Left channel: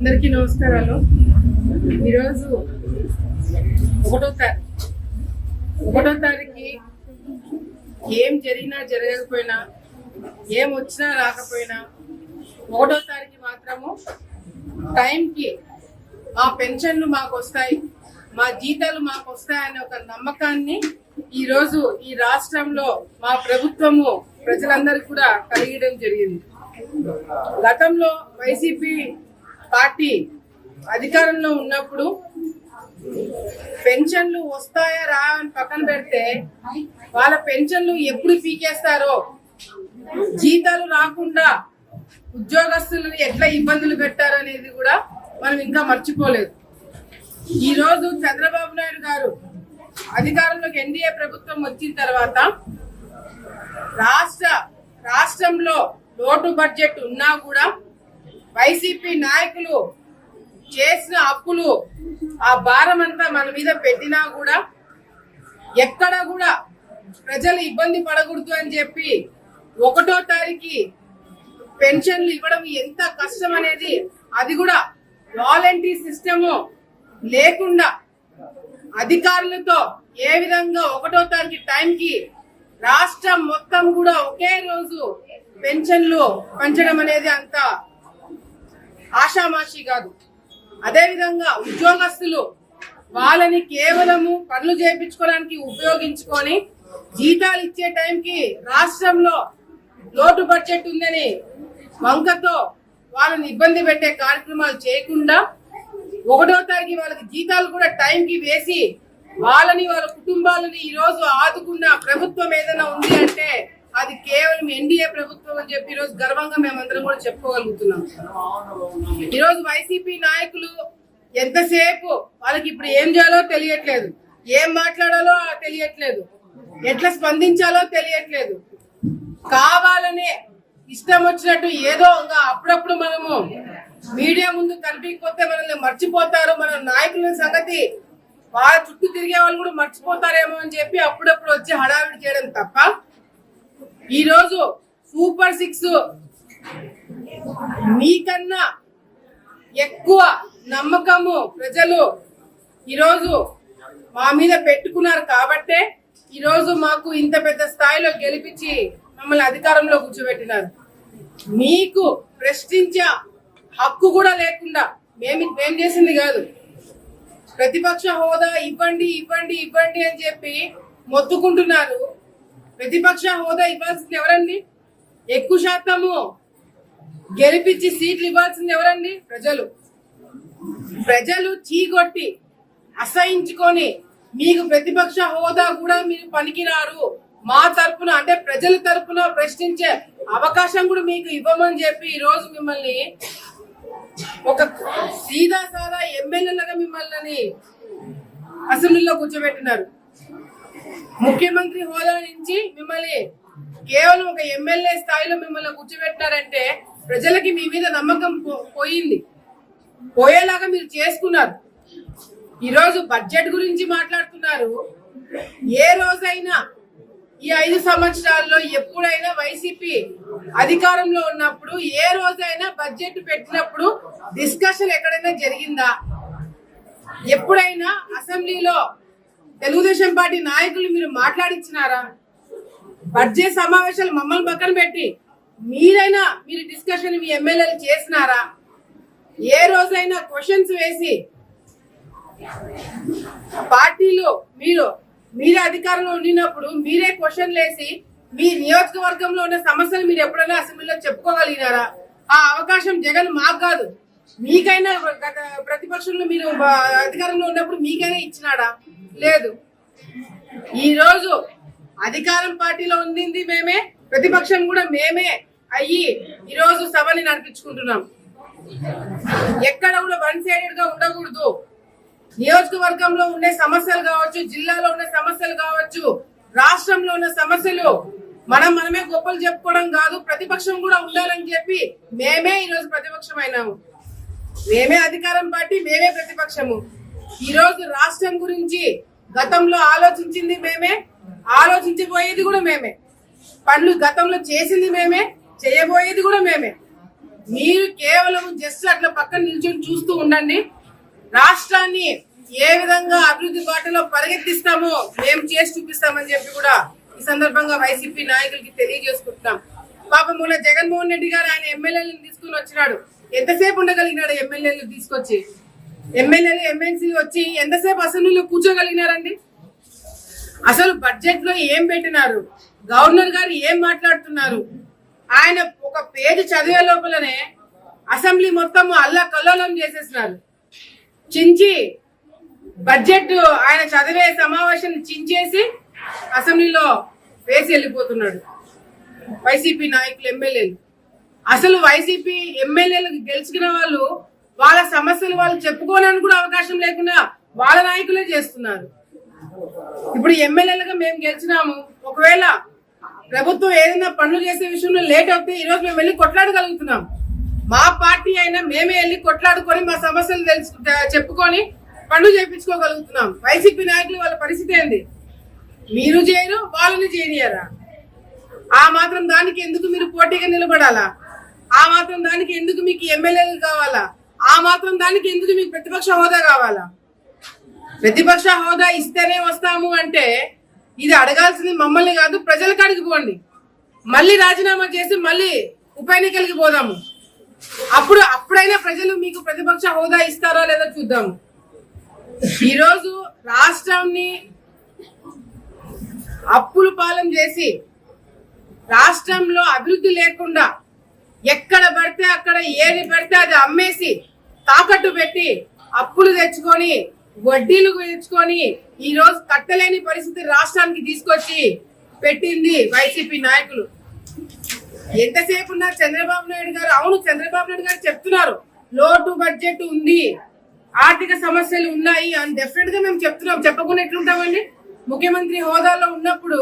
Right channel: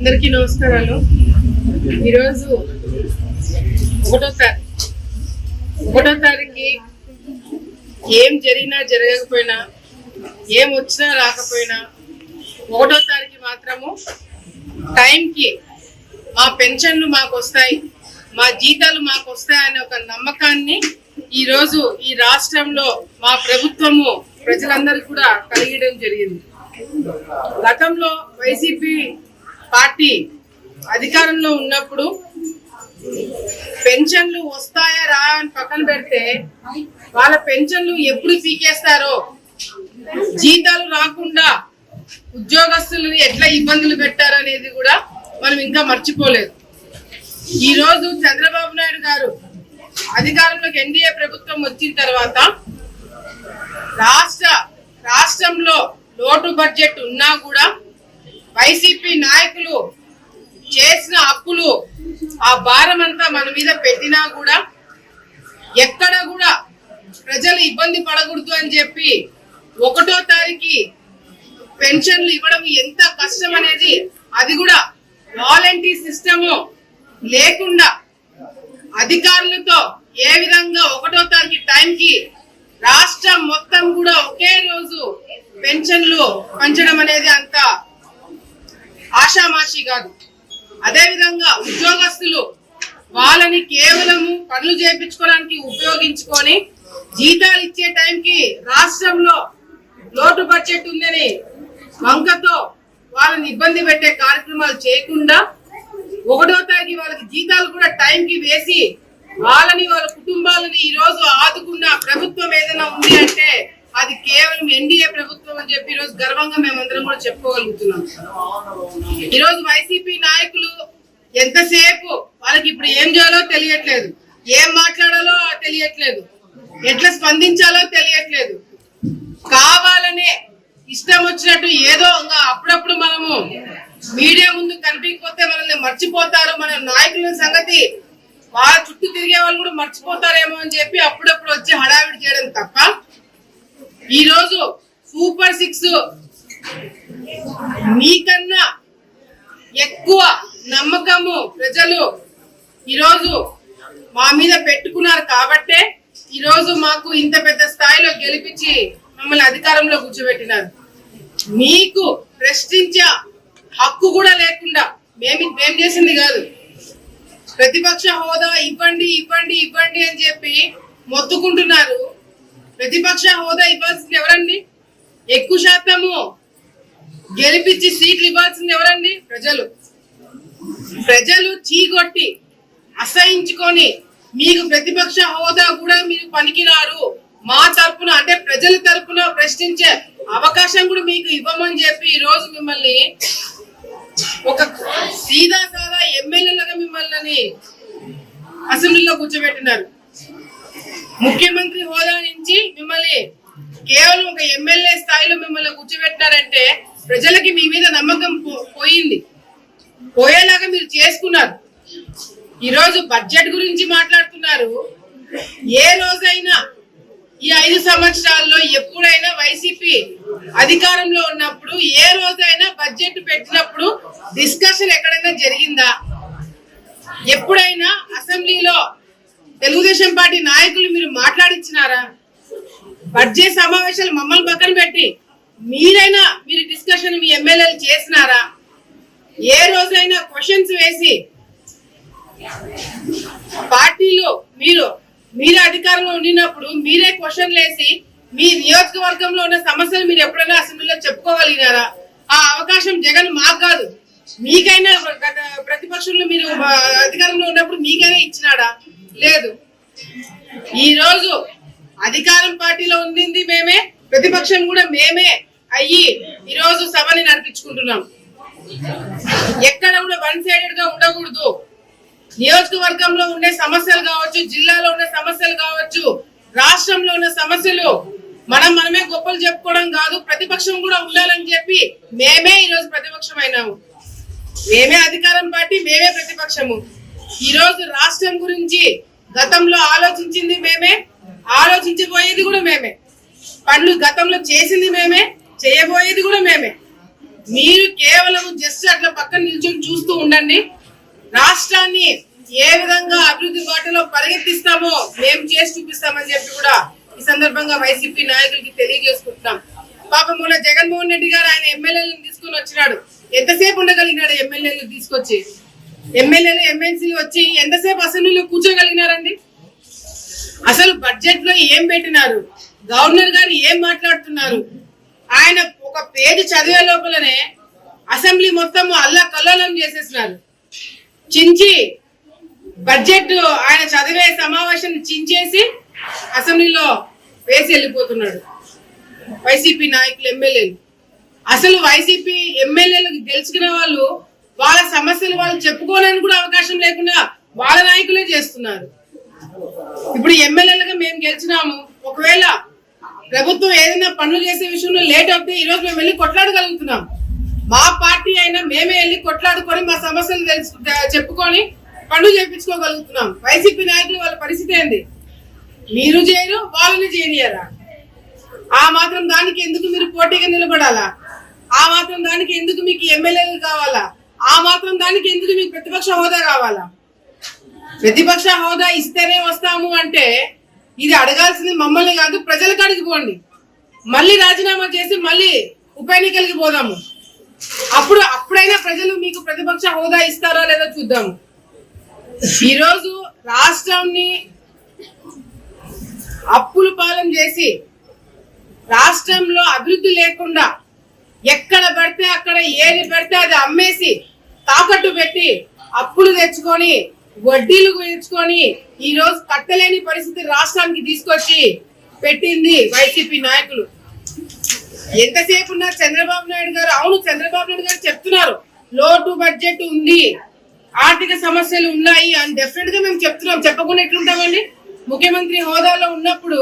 అందరికీ నమస్కారాలు. ఈరోజు ఒకటో తారీఖు ఏం జరిగినా జరగకపోయినా, ఏం వచ్చినా రాకపోయినా, ఒకటో తారీఖు మాత్రము టైంకి మా పెన్షన్లు మాకు వస్తాయి, మా జీతాలు మాకు వస్తాయనే ఒక నమ్మకాన్ని ఈరోజు ఈ రాష్ట్రంలో మా ప్రభుత్వము ప్రజలందరికీ కూడా కలిగడం జరిగింది. గతంలో వైసీపీ పార్టీ అధికారంలో ఉన్నప్పుడు పెన్షన్లు వస్తాయా రా అని పక్కన పెడితే వాళ్ళ పెన్షన్లు ఎప్పుడు పీకేస్తారో, జీతాలు రాకుండా ఉద్యోగస్తులు ఎట్లా ఇబ్బందులు పెట్టారనేది కూడా మనం ఇంకా మర్చిపోలేదు. ఈ రోజు చంద్రబాబు నాయుడు గారు అధికారంలోకి ఎన్డీఏ ప్రభుత్వం వచ్చిన తర్వాత రాష్ట్రంలో లోటు బడ్జెట్ ఉన్నా కూడా వైసీపీ నాయకులు చేసిన అప్పులు ఆ భారం అంతా మన మీద పెట్టినా కూడా ఎక్కడ కూడా ప్రజలు ఇబ్బంది పడకూడదు అని చెప్పి ఒకటో తారీఖు పెన్షన్లు ఇవ్వడం ఎంత కష్టం అనేది, అది కూడా వాలంటీర్ సిస్టమ్ లేకుండా అధికారులతో ఏ విధంగా ఒకటో తారీఖు టైంకి రాష్ట్రం మొత్తం కూడా ఒకే రోజు పెన్షన్లు పంచడం అనేది అంత ఆషామాషి కాదు. అదే విధంగా ఉద్యోగస్తులు వాళ్ళని కేవలము పనులు చేయించుకోవడానికి ఉపయోగించుకొని జీతాలు ఇచ్చే టైంకి రాష్ట్రంలో లోటు బడ్జెట్ ఉందని వంకతో వాళ్ళని ఇబ్బంది పెట్టే కార్యక్రమాలు చేయకుండా ఒకటో తారీఖు వాళ్ళకి జీతాలు కూడా టైంకి వేసి వాళ్ళని వాళ్ళ కుటుంబాలని ఈ రోజు ఆదుకున్న ప్రభుత్వం ఏదైనా ఉంది అంటే అది కేవలం ఎన్డీఏ ప్రభుత్వం అని చెప్పి ఈరోజు గర్వంగా మేమందరం కూడా చెప్పుకోగలుగుతున్నాం. ఈరోజు వైసీపీ నాయకులు ఎంతసేపు వాళ్ళకి ఇప్పుడు ఏం చేయాలో తెలియట్లేదు, ఏం మాట్లాడాలో తెలియట్లేదు, ఎట్లా స్పందించాలో తెలియట్లేదు. కావాలనే ఇష్టం వచ్చినట్టు ఏదో ఇంకా అప్పుడప్పుడు మనము మీడియా ముందు కనిపించకపోతే మనల్ని మర్చిపోతారు, మన నాయకుల సంగతి వాళ్ళ చుట్టూ తిరిగే వాళ్ళు కూడా మర్చిపోతారేమో అని చెప్పి అప్పుడప్పుడు వచ్చి హడావిడి చేయడం తప్ప ఈ రోజు సూపర్ 6 మీకన్నా ఎక్కువ నమ్మకము ప్రజలు ఈరోజు మా మీద పెట్టుకున్నారు కాబట్టే ఈరోజు మాకు ఇంత పెద్ద స్థాయిలో గెలిపించి మమ్మల్ని అధికారంలో కూర్చోబెట్టినారు. మీకు ప్రశ్నించే హక్కు కూడా లేకుండా మేం చేసింది కాదు. ప్రతిపక్ష హోదా ఇవ్వండి ఇవ్వండి ఇవ్వండి అని చెప్పి మొత్తుకుంటున్నారు. ప్రతిపక్ష హోదా ఇవ్వాల్సింది ఎవరండి? ఎక్కువ శాతము గెలిపించి సీట్లు ఇవ్వాల్సింది ఎవరండి? ప్రజలు చీగొట్టి అసహించుకొని మీకు ప్రతిపక్ష హోదా కూడా మీరు పనికిరారు, మా తరపున అంటే ప్రజల తరపున ప్రశ్నించే అవకాశం కూడా మీకు ఇవ్వమని చెప్పి ఈ రోజు మిమ్మల్ని ఒక సీదా సాదా ఎమ్మెల్యేలుగా మిమ్మల్ని అసెంబ్లీలో కూర్చోబెట్టినారు. ముఖ్యమంత్రి హోదా నుంచి మిమ్మల్ని కేవలం ఒక ఎమ్మెల్యే స్థాయిలో మిమ్మల్ని కూర్చోబెట్టినారంటే ప్రజలకి మీ మీద నమ్మకం పోయేలాగా మీరు చేసుకున్నారు. ఈరోజు బడ్జెట్ గురించి మాట్లాడుతున్నారు. ఏ రోజైనా ఈ 5 సంవత్సరాల్లో ఎప్పుడైనా వైసీపీ అధికారంలో ఉన్నప్పుడు ఏ రోజైనా బడ్జెట్ పెట్టినప్పుడు డిస్కషన్ ఎక్కడైనా జరిగిందా? ఎప్పుడైనా అసెంబ్లీలో తెలుగుదేశం పార్టీ నాయకులు మీరు మాట్లాడించినారా? బడ్జెట్ సమావేశాలు మమ్మల్ని పక్కన పెట్టి మీరు డిస్కషన్ మీ ఎమ్మెల్యేలు చేసినారా? ఏ రోజైనా క్వశ్చన్స్ వేసి పార్టీలో మీరే అధికారంలో ఉండినప్పుడు మీరే క్వశ్చన్లు వేసి మీ నియోజకవర్గంలో ఉన్న సమస్యలు మీరు ఎప్పుడైనా అసెంబ్లీలో చెప్పుకోగలిగినారా? ఆ అవకాశం జగన్ మాకు కాదు, మీకైనా ప్రతిపక్షంలో మీరు అధికారంలో ఉన్నప్పుడు మీకైనా ఇచ్చినాడా? లేదు. ఈ రోజు అధికారం పార్టీలో ఉండింది మేమే, ప్రతిపక్షం కూడా మేమే అయ్యి ఈరోజు సభని నడిపించుకుంటున్నాం. ఎక్కడ కూడా వన్ సైడెడ్ గా ఉండకూడదు. నియోజకవర్గంలో ఉండే సమస్యలు కావచ్చు, జిల్లాలో ఉన్న సమస్యలు కావచ్చు, రాష్ట్రంలో ఉన్న సమస్యలు మనమే గొప్పలు చెప్పుకోవడం కాదు, ప్రతిపక్షం కూడా ఉండాలని చెప్పి మేమే ఈరోజు ప్రతిపక్షం అయినాము. మేమే అధికారం పార్టీ, మేమే ప్రతిపక్షము. ఈరోజు రాష్ట్రం గురించి గతంలో ఆలోచించింది మేమే, ఆలోచించబోయేది కూడా మేమే. పనులు గతంలో చేసింది మేమే, చేయబోయేది కూడా మేమే. మీరు కేవలం జస్ట్ అట్లా పక్కన నిల్చొని చూస్తూ ఉండండి. రాష్ట్రాన్ని ఏ విధంగా అభివృద్ధి బాటలో పరిగెత్తిస్తామో మేము చేసి చూపిస్తామని చెప్పి కూడా ఈ సందర్భంగా వైసీపీ నాయకులకి తెలియజేసుకుంటున్నాం. పాపం మొన్న జగన్మోహన్ రెడ్డి గారు ఆయన ఎమ్మెల్యేలను తీసుకుని వచ్చినాడు. ఎంతసేపు ఉండగలిగినాడు ఎమ్మెల్యేలు తీసుకొచ్చి? ఎమ్మెల్యేలు ఎమ్మెల్సీలు వచ్చి ఎంతసేపు అసెంబ్లీలో కూర్చోగలిగినారండి? అసలు బడ్జెట్ లో ఏం పెట్టినారు? గవర్నర్ గారు ఏం మాట్లాడుతున్నారు? ఆయన ఒక పేజీ చదివే లోపలనే అసెంబ్లీ మొత్తం అల్లా కల్లోలం చేసేసినారు. చించి బడ్జెట్ ఆయన చదివే సమావేశం చించేసి అసెంబ్లీలో వేసి వెళ్ళిపోతున్నాడు వైసీపీ నాయకులు, ఎమ్మెల్యేలు. అసలు వైసీపీ ఎమ్మెల్యేలకు గెలుచుకున్న వాళ్ళు వాళ్ళ సమస్యలు వాళ్ళు చెప్పుకోవడానికి కూడా అవకాశం లేకుండా వాళ్ళ నాయకులే చేస్తున్నారు. ఇప్పుడు ఎమ్మెల్యేలుగా మేము గెలిచినాము, ఒకవేళ ప్రభుత్వం ఏదైనా పనులు చేసే విషయంలో లేట్ అవుతే ఈ రోజు మేము వెళ్ళి కొట్లాడగలుగుతున్నాం. మా పార్టీ అయినా మేమే వెళ్ళి కొట్లాడుకొని మా సమస్యలు చెప్పుకొని పనులు చేయించుకోగలుగుతున్నాం. వైసీపీ నాయకులు వాళ్ళ పరిస్థితి ఏంది? మీరు చేయరు, వాళ్ళని చేయనియరా? ఆ మాత్రం దానికి ఎందుకు మీరు పోటీగా నిలబడాలా? ఆ మాత్రం దానికి ఎందుకు మీకు ఎమ్మెల్యేలు కావాలా? ఆ మాత్రం దానికి ఎందుకు మీకు ప్రతిపక్ష హోదా కావాలా? ప్రతిపక్ష హోదా ఇస్తేనే వస్తాము అంటే ఇది అడగాల్సింది మమ్మల్ని కాదు, ప్రజలకు అడిగిపోండి. మళ్ళీ రాజీనామా చేసి మళ్ళీ ఉప ఎన్నికలకి పోదాము. అప్పుడైనా ప్రజలు మీకు ప్రతిపక్ష హోదా ఇస్తారా లేదా చూద్దాము. ఈరోజు రాష్ట్రాన్ని అప్పులు పాలన చేసి రాష్ట్రంలో అభివృద్ధి లేకుండా ఎక్కడ పడితే అక్కడ ఏది పడితే అది అమ్మేసి తాకట్టు పెట్టి అప్పులు తెచ్చుకొని వడ్డీలు తెచ్చుకొని ఈ రోజు కట్టలేని పరిస్థితి రాష్ట్రానికి తీసుకొచ్చి పెట్టింది వైసీపీ నాయకులు. ఎంతసేపు ఉన్నారు చంద్రబాబు నాయుడు గారు? అవును, చంద్రబాబు నాయుడు గారు చెప్తున్నారు లోటు బడ్జెట్ ఉంది, ఆర్థిక సమస్యలు ఉన్నాయి అని డెఫినెట్ గా మేము చెప్తున్నాం. చెప్పకుండా ఎట్లుంటామండి? ముఖ్యమంత్రి హోదాలో ఉన్నప్పుడు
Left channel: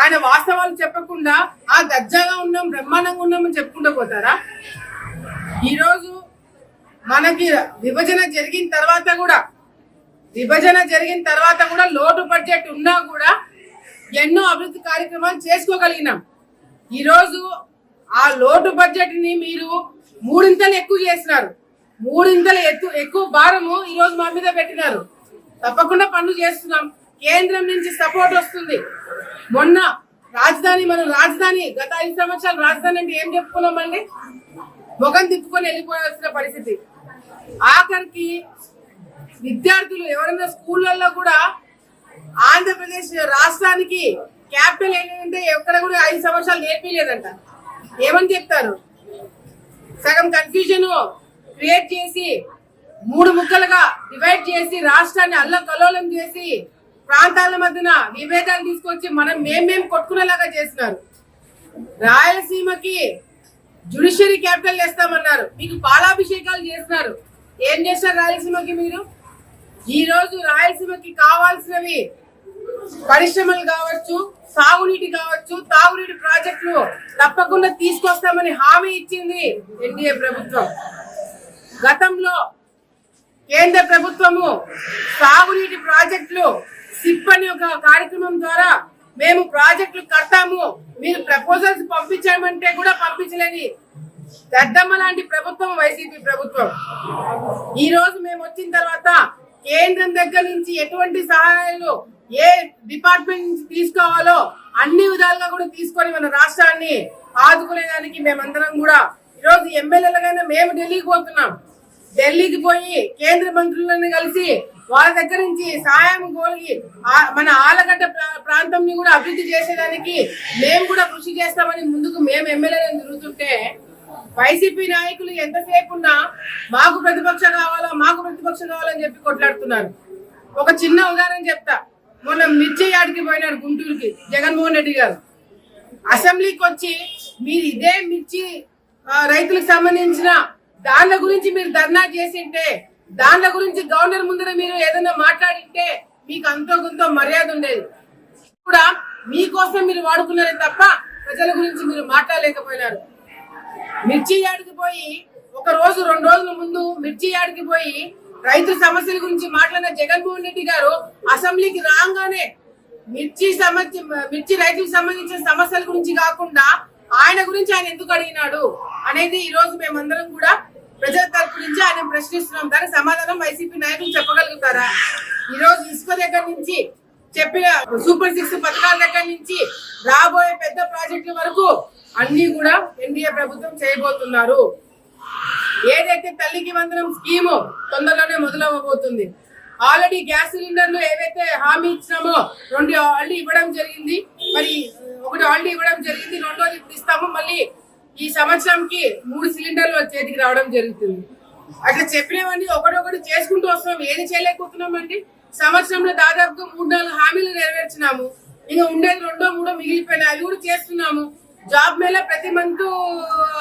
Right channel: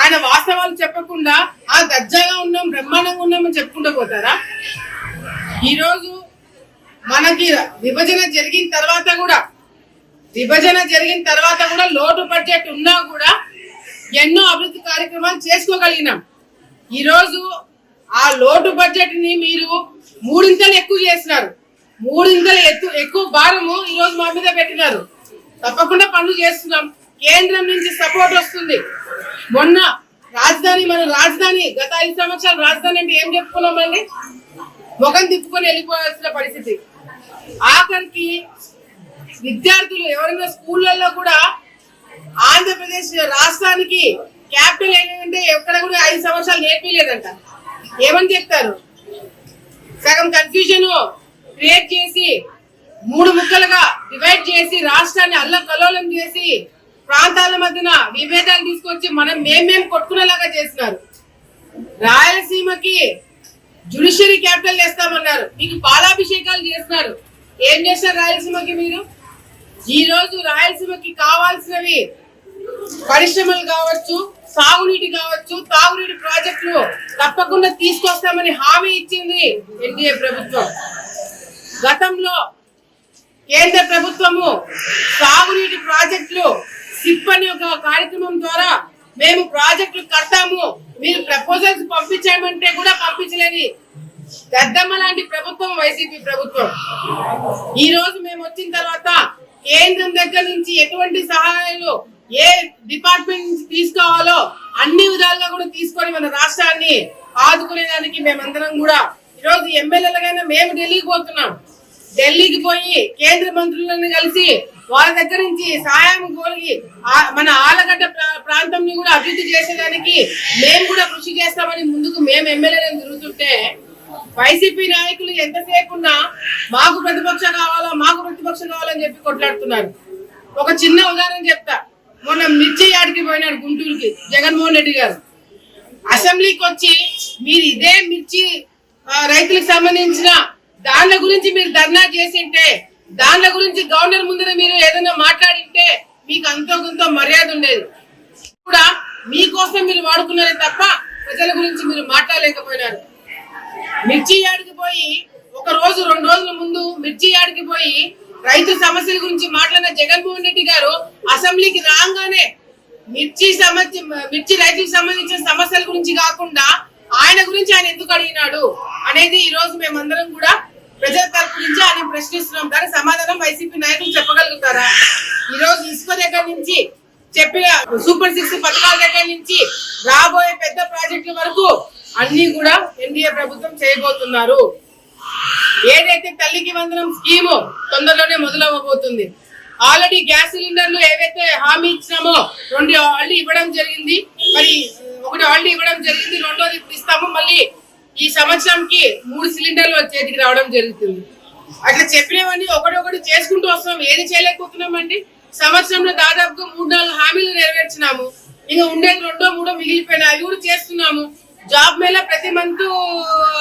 ఆయన వాస్తవాలు చెప్పకుండా ఆ దర్జాగా ఉన్నాం, బ్రహ్మాండంగా ఉన్నామని చెప్పుకుంటూ పోతారా? ఈరోజు మనకి విభజన జరిగిన తర్వాత కూడా లోటు బడ్జెట్ ఉన్నా కూడా ఎన్నో అభివృద్ధి కార్యక్రమాలు చేసుకోగలిగినాం. ఈరోజు ఆ లోటు బడ్జెట్ ని మీరు మూడింతలు ఎక్కువ చేసినారు. మూడింతలు ఎక్కువ భారము ఈరోజు మా మీద పెట్టినారు. తప్పకుండా పనులు చేస్తున్నాం. కేంద్రం నుంచి సపోర్ట్ వస్తుంది. మొన్న మన రాజధాని గత 5 సంవత్సరాలు రాజధాని అంటే ఏం చెప్పుకున్నామండి? ముఖం తిప్పుకొని వెళ్ళిపోవాల్సిన పరిస్థితి. ఆఖరికి విద్యార్థులు ఎవరైనా స్కూళ్ళల్లో కూడా ఆంధ్రప్రదేశ్ రాష్ట్రానికి క్యాపిటల్ ఏంటంటే ఎక్కడ కూడా 5 సంవత్సరాలు నేర్పిలేదంట. ఏమని చెప్తారు? సగం కన్ఫ్యూజన్ క్రియేట్ చేసి 3 ముక్కలుగా డివైడ్ చేసి రాష్ట్రాన్ని అల్లకల్లోలం చేసి ప్రాంతాల మధ్యన విభేదాలు తీసుకొచ్చి మేమేం కొట్టుకునేలాగా చేస్తున్నారు. రాయలసీమకి జ్యుడిషియరీ క్యాపిటల్ చేస్తామన్నారు, మీకు పాలాభిషేకాలు చేస్తున్నారు. ఏం చేస్తారు రాయలసీమకి మీరు? ఈ రోజు రాయలసీమకి కావాల్సినవి పరిశ్రమలు కావచ్చు, సాగునీటి కావచ్చు, తాగునీటి ప్రాజెక్టులు తప్పకుండా తీసుకొస్తామని హామీ ఇచ్చింది ఎన్డీఏ ప్రభుత్వం. గతంలో కేంద్ర ప్రభుత్వము సాగునీటి ప్రాజెక్టులు సిప్ అనే ఒక కార్యక్రమం ద్వారా మేము ప్రాజెక్టులు కడతాము, మీరు ప్రపోజల్స్ పంపించామంటే కూడా పంపించలేని దద్దమ్మ లాంటి ప్రభుత్వం వైసీపీ ప్రభుత్వం. ఈ రోజు మేము వచ్చిన తర్వాత కేంద్రం దగ్గర నుంచి ఎటువంటి సహాయాలు ఏ డిపార్ట్మెంట్ నుంచి తీసుకోవాలో అన్ని విధాలుగా కూడా తీసుకొని మన రాష్ట్రాన్ని ఆదుకునేదానికి మేమందరం కూడా ఈరోజు ఎమ్మెల్యేలుగా మేము ఢిల్లీకి పోతున్నాం. ఢిల్లీకి పోయి కేంద్ర మంత్రులను కలిసి వాళ్ళ దగ్గర నుంచి సహాయం కోరి మన ఆలగడ్డ ప్రాంతం కూడా అభివృద్ధి చేసేదానికి మేము కూడా కృషి చేస్తామని ముందుకు మేము ఎమ్మెల్యేలను తిరుగుతుంటే వైసీపీ నాయకులు ఎంతసేపు ఉన్నా మాకు ప్రతిపక్షం కావాలని చెప్పి కొట్లాడుతున్నారు. ఒక చిన్న ఉదాహరణ చెప్తా. మొన్న మిర్చి యాడికి పోయినాడు గుంటూరుకి జగన్మోహన్ రెడ్డి గారు. అసెంబ్లీకి వచ్చి మీరు ఇదే మిర్చి రైతులకు సంబంధించిన దానిల గురించి మీరు ధర్నా చేసింటే, దానిల గురించి గవర్నర్ ముందర మీరు ఏదైనా మాట్లాడింటే మీకు అంతో కొంత మర్యాద ఉండేది. కూడా మీకోసం మీరు వాడుకున్నారే తప్ప ప్రజల గురించి మీరు మాట్లాడలేకపోయినారు. మిర్చి యాడికి పోయి 1 రోజు 2 రోజుల ముందు మిర్చి యాడికి పోయి రైతు సమస్యల గురించి మాట్లాడిన జగన్మోహన్ రెడ్డి గారు అసెంబ్లీకి రాగానే మిర్చి రైతులకు సంబంధించిన సమస్యల గురించి కాకుండా ఆయన గురించి ఆయన ఎందుకు అడిగినాడు అనేది ఈ రోజు మేమందరం కూడా ప్రజల తరపు నుంచి ఆయన ప్రశ్నిస్తున్నాం. దానికి సమాధానం వైసీపీ నాయకులు చెప్పగలుగుతారా? ఈ రోజు ఇసుక దగ్గర నుంచి చెప్పిన సూపర్ 6 పథకాల దగ్గర నుంచి రాబోయే పెద్ద ప్రాజెక్టుల వరకు అన్ని కూడా ఎన్డీఏ ప్రభుత్వం చేయబోతున్నారు. ఏదైతే తల్లికి వందనం స్కీము తొందరలోనే మొదలవ్వబోతుంది. ఆల్రెడీ గ్యాస్ సిలిండర్లు ఏవైతే హామీ ఇచ్చినామో 2 ఆల్రెడీ ఇవ్వడం జరిగింది. మరి 1 ఆల్రెడీ ఇవ్వడం జరిగింది, 2వది ఇప్పుడు ఇస్తాము. మళ్ళీ ఈ సంవత్సరంకి 3 సిలిండర్లు చేతికి రావడం జరుగుతుంది. అట్లా చెప్పినవన్నీ ఒకటి చేసుకుంటూ వస్తున్నాం. ఏది చేయలేకపోతున్నామండి. సంవత్సరంలో దాదాపుగా 3-4 హామీలు నెరవేర్చినాము. ఇంకా ఉండేది 2-3 మిగిలిపోయినాయి. అవి కూడా చేస్తున్నాము. జాబ్ మేళ ప్రతి మంత్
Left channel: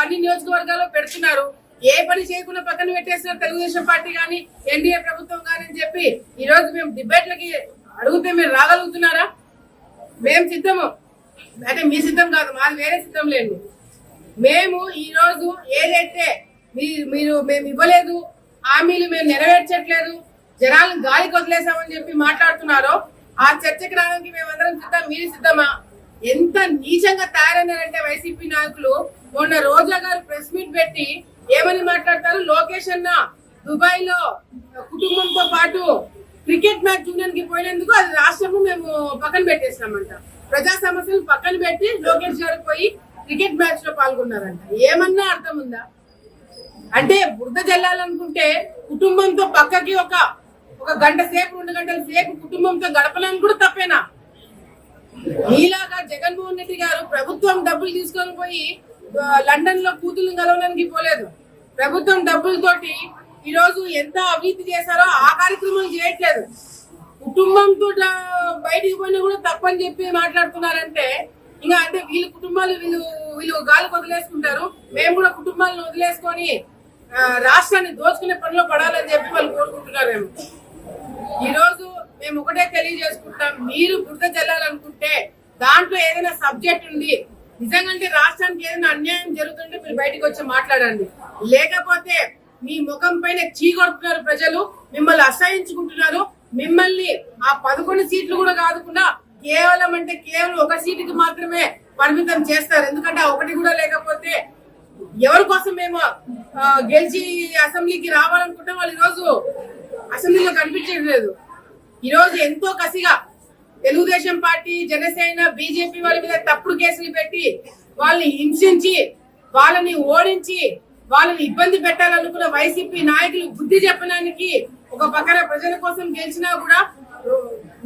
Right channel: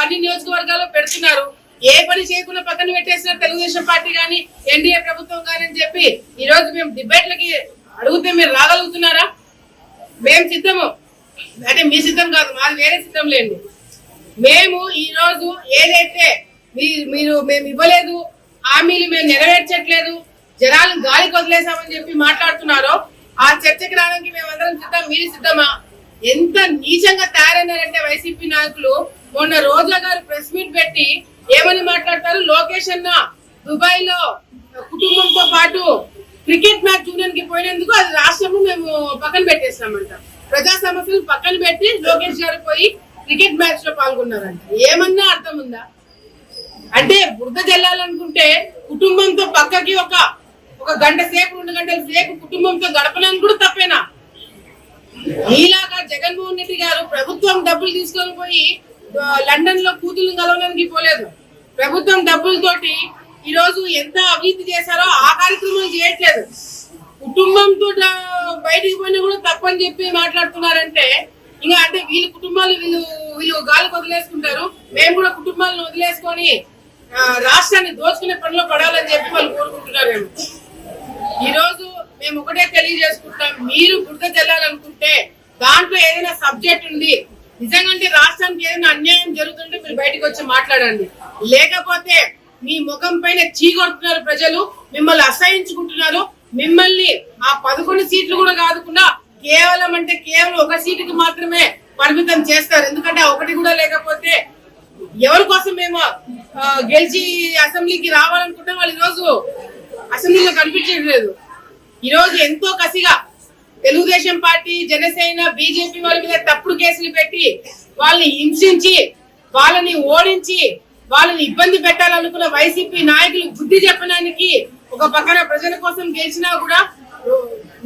అన్ని నియోజకవర్గాల్లో పెడుతున్నారు. ఏ పని చేయకుండా పక్కన పెట్టేస్తున్నారు తెలుగుదేశం పార్టీ కానీ ఎన్డీఏ ప్రభుత్వం కానీ అని చెప్పి ఈ రోజు మేము డిబేట్లకి అడిగితే మీరు రాగలుగుతున్నారా? మేము సిద్ధము, అంటే మీ సిద్ధం కాదు, మాది వేరే సిద్ధం లేండి. మేము ఈ రోజు ఏదైతే మేము ఇవ్వలేదు, హామీలు మేము నెరవేర్చట్లేదు, జనాలను గాలికి వదిలేసామని చెప్పి మాట్లాడుతున్నారో ఆ చర్చకి రావడానికి మేమందరం సిద్ధం. మీరు సిద్ధమా? ఎంత నీచంగా తయారైనారంటే వైసీపీ నాయకులు, మొన్న రోజా గారు ప్రెస్ మీట్ పెట్టి ఏమని మాట్లాడతారు? లోకేష్ అన్న దుబాయ్ లో కుటుంబంతో పాటు క్రికెట్ మ్యాచ్ చూడడానికి పోయినందుకు అది రాష్ట్రము మేము పక్కన పెట్టేస్తామంట. ప్రజా సమస్యలు పక్కన పెట్టి లోకేష్ గారు పోయి క్రికెట్ మ్యాచ్ లో పాల్గొన్నారంట. ఏమన్నా అర్థం ఉందా? అంటే బురద జల్లాలనుకుంటే కుటుంబంతో పక్కకి ఒక గంట సేపు 2 గంటల సేపు కుటుంబంతో గడపడానికి కూడా తప్పేనా? ఈలాగా జగన్మోహన్ రెడ్డి గారు ప్రభుత్వం డబ్బులు తీసుకొని పోయి లండన్ లో కూతుర్లను కలవడానికి పోలేదు. ప్రభుత్వం డబ్బులతోటి ఈ రోజు ఎంత అవినీతి చేశారో ఆ కార్యక్రమం చేయట్లేదు. కుటుంబంతో బయటికి పోయినా కూడా తప్పని చెప్పి మాట్లాడుతున్నారంటే ఇంకా అంటే వీళ్ళ కుటుంబాలు వీళ్ళు గాలికి వదిలేసుకుంటారు. మేము కూడా కుటుంబాలను వదిలేసుకొని రాష్ట్రాన్ని దోచుకునే పనిలో పడాలని చెప్పి వాళ్ళు కోరుకుంటున్నారేమో. ఈ రోజు మేము ఒకటే తెలియజేసుకుంటాం, మీరు బురద జల్లాలనుకుంటే దాంట్లో ఏదైనా సబ్జెక్ట్ ఉంది, నిజంగా రాష్ట్రానికి ఏదైనా అన్యాయం జరుగుతుంటే మీరు బయటకు వచ్చి మాట్లాడండి. లేకపోతే మీ ముఖం పైన చీకొడుతున్నారు ప్రజలు, మిమ్మల్ని అసహించుకుంటున్నారు. మిమ్మల్ని ఆ 11 సీట్లు కూడా కాదుకుండా కేవలం 1 సీటుకి మాత్రమే పరిమితం చేస్తారు. ఎందుకంటే ఆ 1 కూడా లేకపోతే ఎవరి కోసం మేము గెలిచి అసెంబ్లీకి రావాలనుకుంటే వాళ్ళు ఈరోజు అసెంబ్లీలో కనిపించట్లేదు. ఈరోజు ఎంతో కసిగా తెలుగుదేశం పార్టీ, జనసేన, బీజేపీ వాళ్ళ మీద తప్పుడు కేసులు పెట్టి వాళ్ళని హింసించి వాళ్ళని ఓడించి వాళ్ళని ఇబ్బంది పెట్టాలనుకున్న వైసీపీ నాయకులు బుద్ధి చెప్పడానికి ఒక పక్కన ప్రజల కోసం గెలిచినా కూడా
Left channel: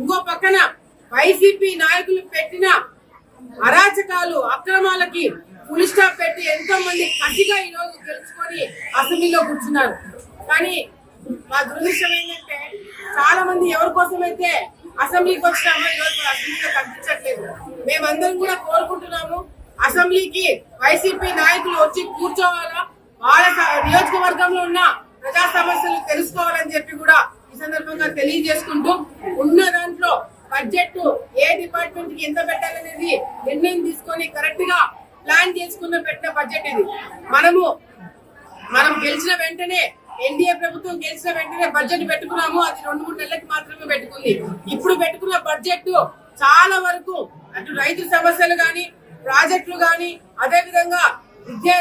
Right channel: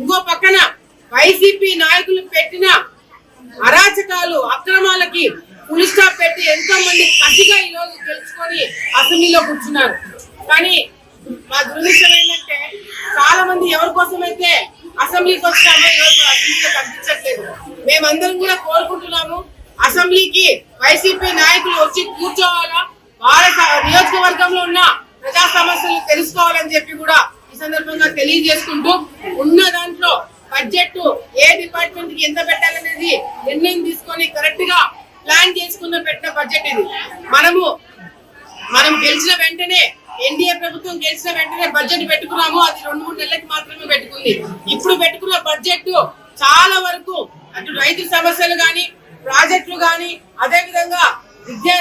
ఇంకో పక్కన వైసీపీ నాయకులు పెట్టిన అరాచకాలు, అక్రమాలకి ఫుల్ స్టాప్ పెట్టి ఎంతో మంది కసిగా ఈ రోజు గెలుచుకొని అసెంబ్లీలో కూర్చున్నారు. కానీ మా దురదృష్టం ఏంటంటే చాలా మంది ఎవరి కోసం అయితే అసెంబ్లీకి వచ్చామో ఈరోజు అసెంబ్లీలో కనిపించట్లేదు. మేమందరం కూడా కోరుకుంటున్నాము, అసెంబ్లీకి వైసీపీ నాయకులు వచ్చి కూర్చోవాలా, వాళ్ళ నియోజకవర్గంలో ఉన్న ప్రజా సమస్యలు తెలుసుకోవాలని చెప్పి కూడా ఈ సందర్భంగా తెలియజేసుకుంటూ, ఉన్న దాంట్లో బడ్జెట్ ఏ డిపార్ట్మెంట్ కి ఎంత పెట్టాలనేది నిర్ణయం తీసుకొని కరెక్ట్ గా ప్లాన్ చేసుకున్న పెట్టిన బడ్జెట్ ఇది. మనం గెలిచిన వెంటనే ఎన్డీఏ ప్రభుత్వం గెలిచిన వెంటనే బడ్జెట్ పెట్టుకున్నాము. అది 2-3 నెలలకి మాత్రమే పెట్టుకుంది. ఇప్పుడు పెట్టుకున్న బడ్జెట్ చాలా వరకు అటు రైతు సమస్యలు గాని, ప్రాజెక్టులు గాని, అదే విధంగా విద్యా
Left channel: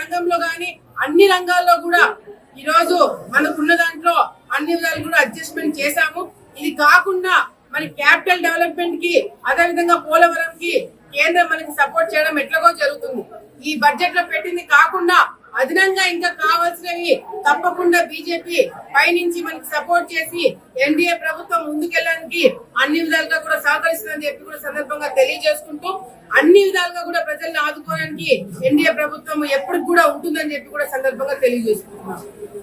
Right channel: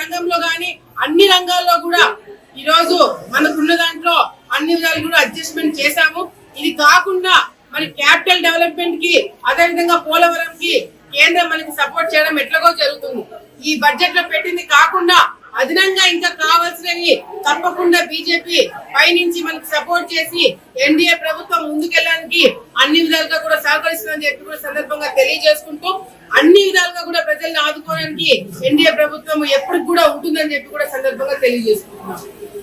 రంగంలో గాని అన్ని రంగాల్లో కూడా ఈ రోజు మనకున్న దాంట్లో అన్ని విధాలు కూడా అడ్జస్ట్మెంట్ చేశాము. ఇది కాకుండా మరి క్యాపిటల్ డెవలప్మెంట్ కి, అదే విధంగా పోలవరం కి కేంద్రం మనకి సపోర్ట్ చేయడం ఎట్లాగో జరుగుతుంది. ఈ బడ్జెట్ లో పెట్టింది కాకుండా అదనంగా ఇంకా కావాల్సినవి తప్పకుండా బీజేపీ పైనుంచి మనకి సపోర్ట్ చేసి ఎన్డీఏ ప్రభుత్వం ముందుకెళ్ళడానికి అన్ని విధాలుగా కూడా సహకరిస్తుందని చెప్పి కూడా సందర్భంగా తెలియజేసుకుంటూ, అన్ని విధాలుగా కూడా ప్రజల్ని ఆదుకోవడానికి ఎన్డీఏ ప్రభుత్వం ఎప్పటికి కూడా ఉంటుందని చెప్పి కూడా సందర్భంగా తెలియజేసుకుంటున్నాం.